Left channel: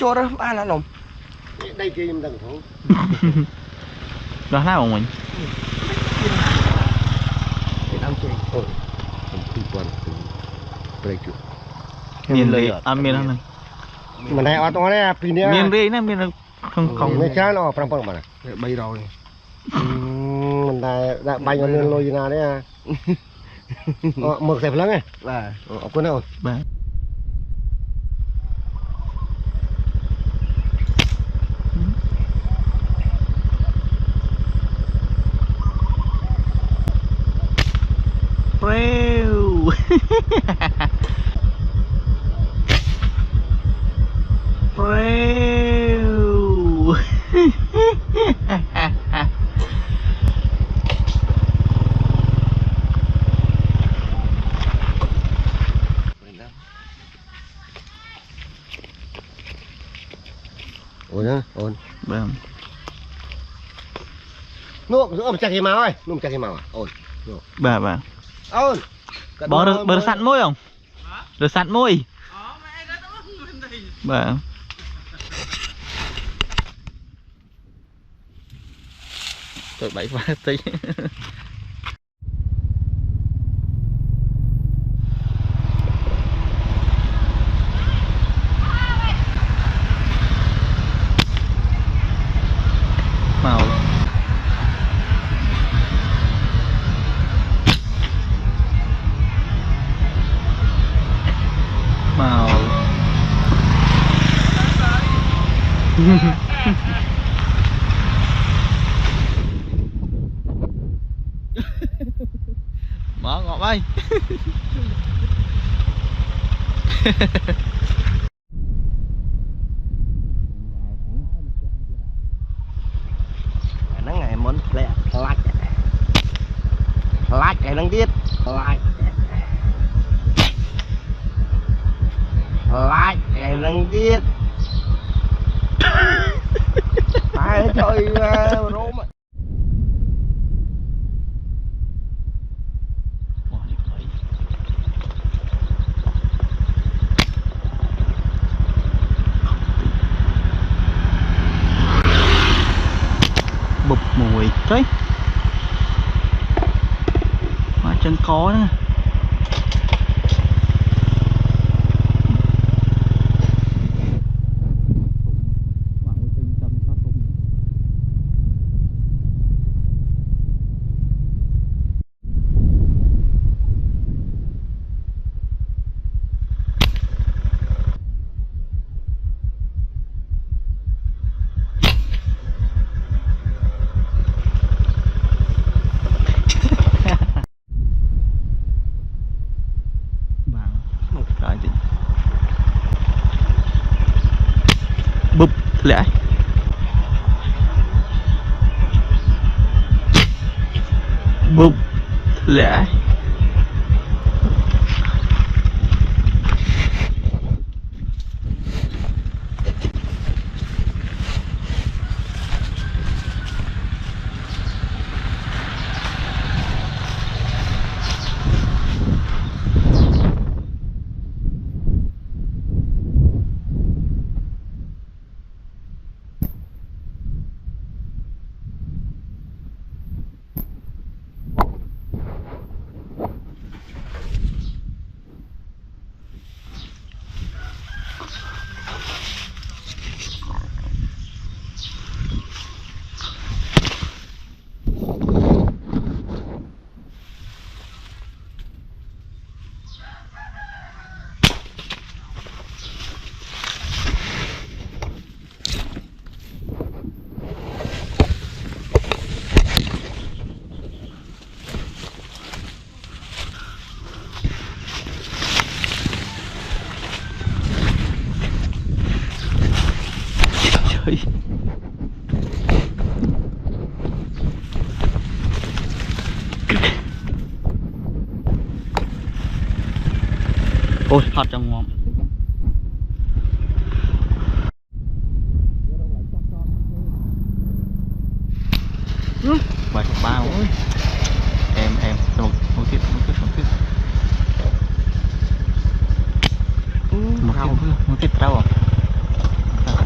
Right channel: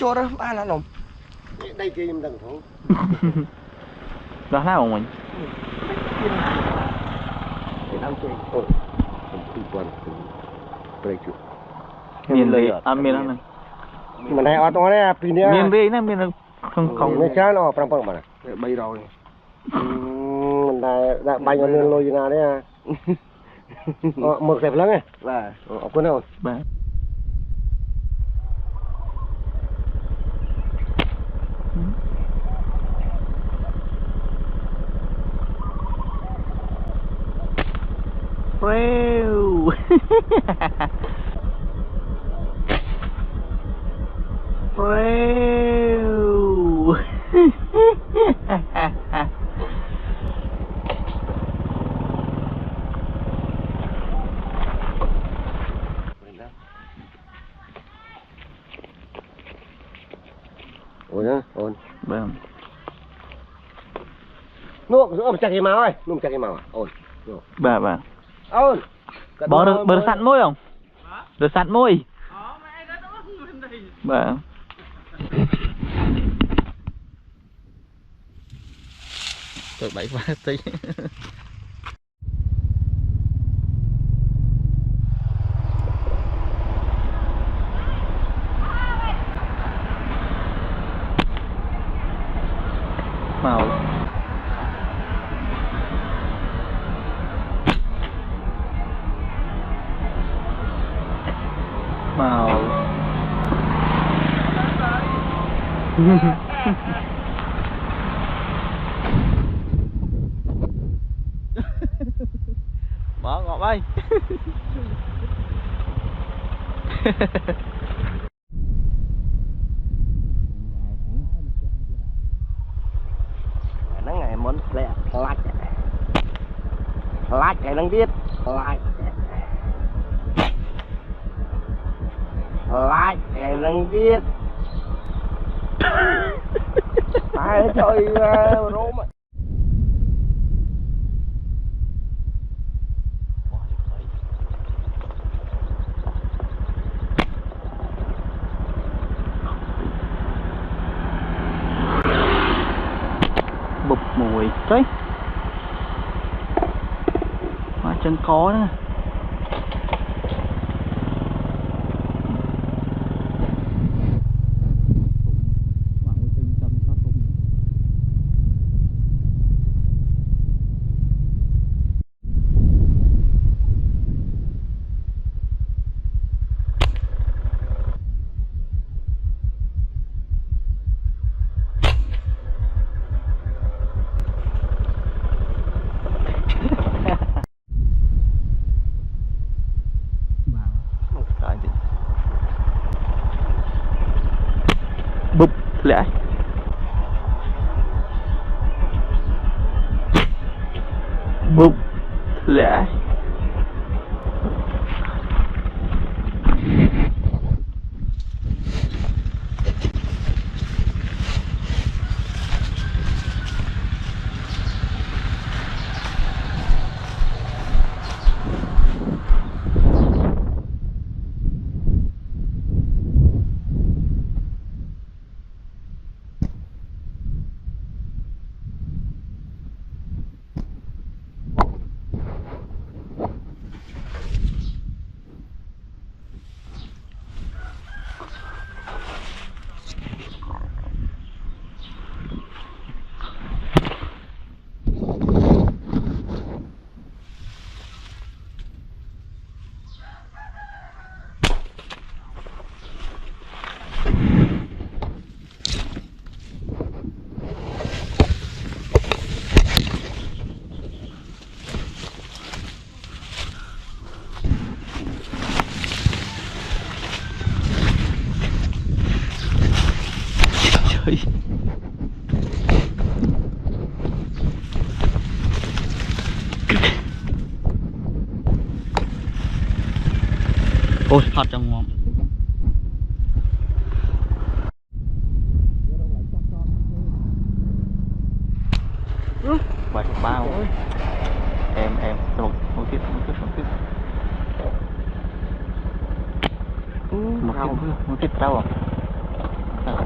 cho đó ba là lòng đây kia em đừng thấu đó là của mình ăn chơi ôi không quan đây chứ miền lì ăn miền này mà này ở trong này pin này miền lì này miền không này chán nó phăng mà bay rồi mình đã bay vào nơi lôi gì nào đấy à mực đẹp lắm ấy là quên đâu Wow. Wow. ôi nhá ôi Vâng. nuốt chặt cái máu ơi nuốt chặt cái máu à ôi Bà ôi bò được sẵn môi không được sẵn môi bà tôi bảy phát tí màu màu mở ngọt ơi nó ngày muốn lẹ lách cái năng tiết lách cái năng tiết ai chơi rôm bụp mùi đấy mà chân có nữa bụp lẽ bụp lẽ trời ôi hot trong ngon vài chục bao em một tiếp một tiếp rau à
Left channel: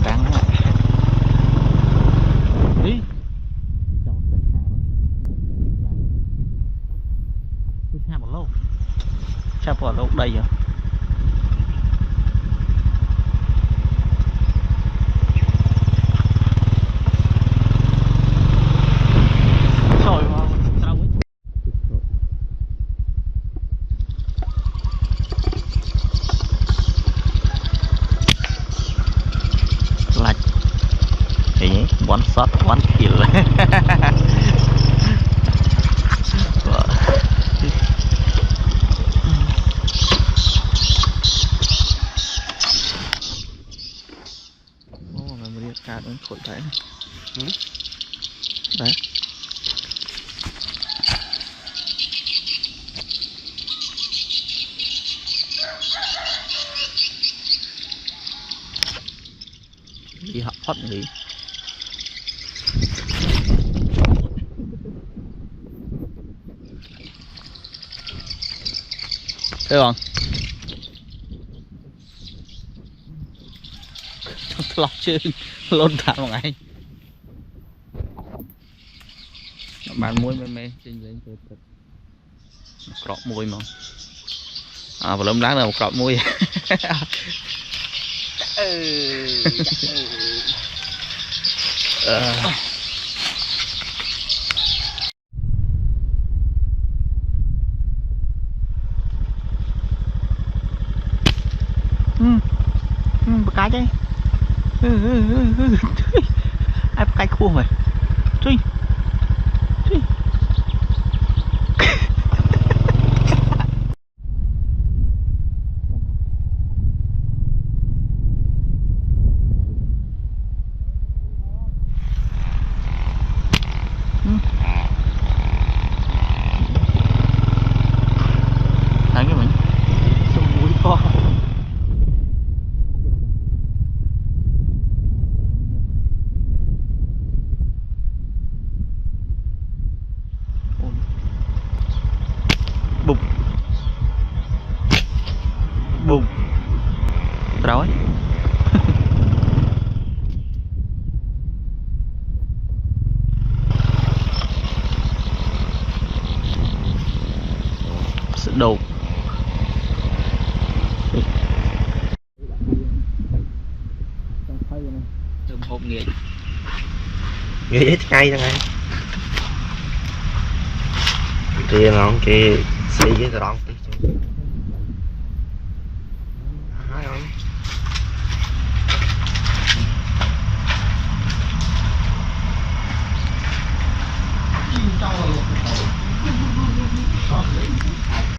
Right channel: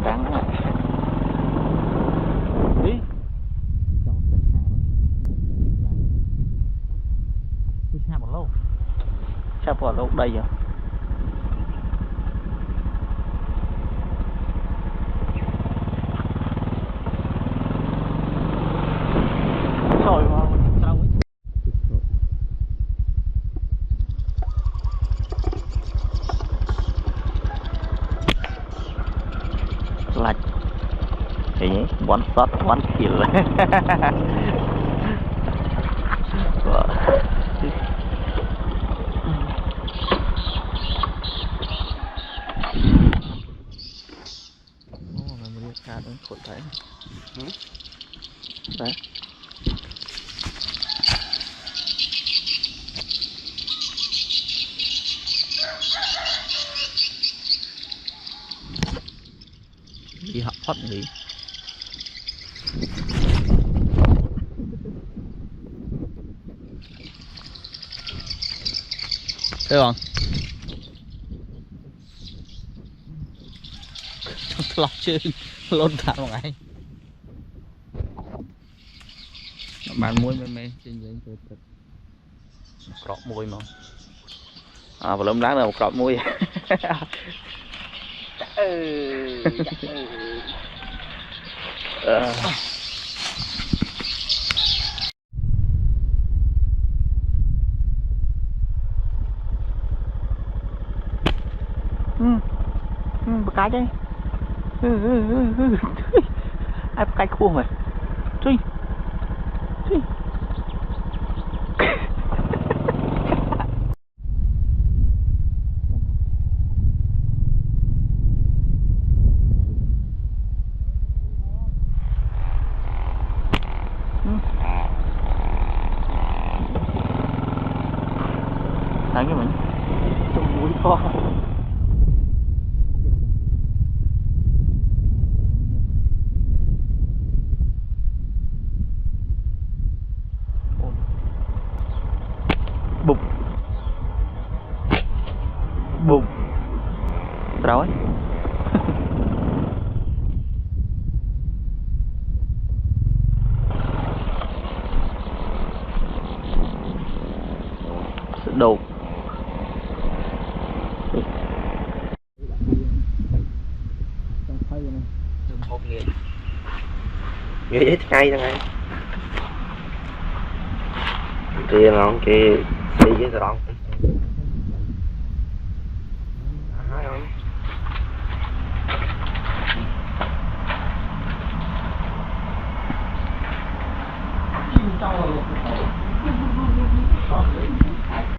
đây rồi trời ơi lạch thì one shot one kill cá nó khổ thấy đấy đi học thoát đi thấy không lọc chứ lôn thả một ngày bạn muối mê mê trên dưới thịt cọp muối mà và lâm láng là một cọp muối cái đấy ai cái khua mày truy truy thấy cái mình sông mũi to bụng bụng rồi sự đồ nghe hết ngay cho ngay kia nó kia xì cái đó